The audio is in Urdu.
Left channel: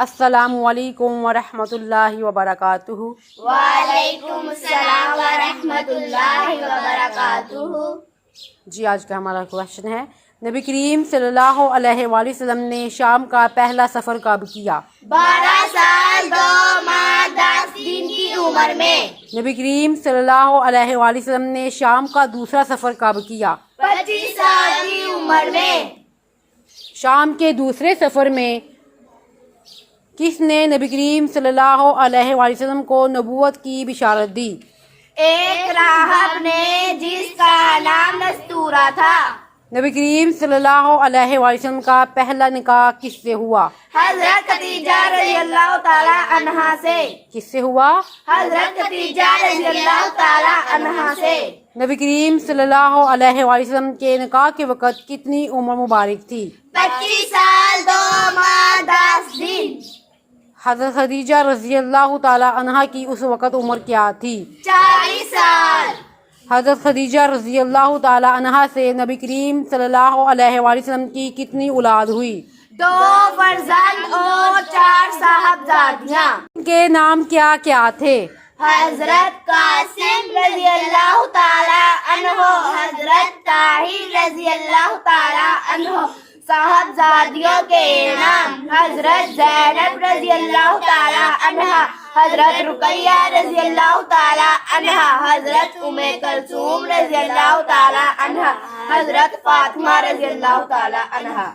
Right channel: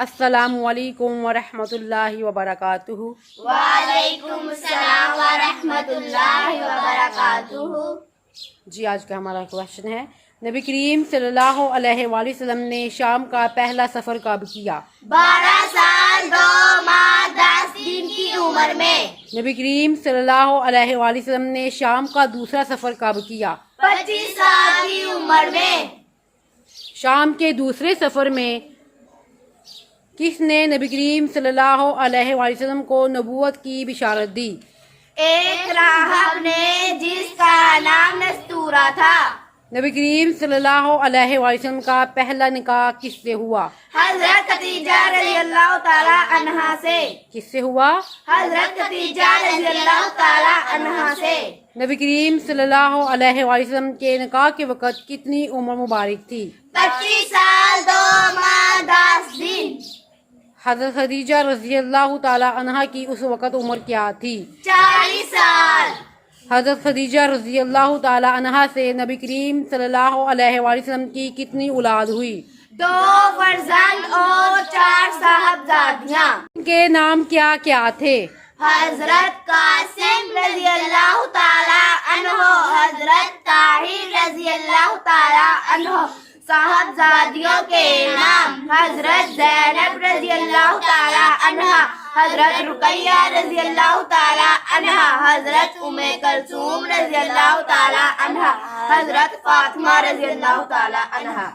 السلام علیکم ورحمۃ اللہ وبرکاتہ۔ وعلیکم السلام ورحمۃ اللہ وبرکاتہ۔ جی آج کا ہمارا کوشچن ہے، نبی کریم صلی اللہ علیہ وآلہ وسلم نے شام کا پہلا سفر کب کیا؟ 12 سال 2 ماہ 10 دن کی عمر میں۔ نبی کریم صلی اللہ علیہ وآلہ وسلم نے شام کا دوسرا سفر کب کیا؟ 25 سال کی عمر میں۔ شام کے دوسرے سفر میں کس نے نبی کریم صلی اللہ علیہ وآلہ وسلم کو نبوت کی بشارت دی؟ ایک راہب نے جس کا نام نستورہ تھا۔ نبی کریم صلی اللہ علیہ وآلہ وسلم کا پہلا نکاح کس سے ہوا؟ حضرت خدیجہ رضی اللہ تعالی عنہا سے۔ کس سے ہوا؟ حضرت خدیجہ رضی اللہ تعالی عنہا سے۔ نبی کریم صلی اللہ علیہ وآلہ وسلم کے نکاح کے وقت کتنی عمر مبارک تھی؟ 25 سال 2 ماہ 10 دن۔ حضرت خدیجہ رضی اللہ تعالی عنہا کی اس وقت عمر کیا تھی؟ 40 سال۔ حضرت خدیجہ رضی اللہ تعالی عنہا سے نبی کریم صلی اللہ علیہ وآلہ وسلم کی کتنی اولاد ہوئی؟ 2 فرزند اور 4 صاحبزادیاں۔ ان کے نام کیا کیا تھے؟ حضرت قاسم رضی اللہ تعالی عنہ، حضرت طاہر رضی اللہ تعالی عنہ۔ صاحبزادیوں کے نام: حضرت زینب رضی اللہ تعالی عنہ، حضرت رقیہ رضی اللہ تعالی عنہ، حضرت ام کلثوم رضی اللہ تعالی عنہ، حضرت فاطمہ رضی اللہ تعالی عنہ۔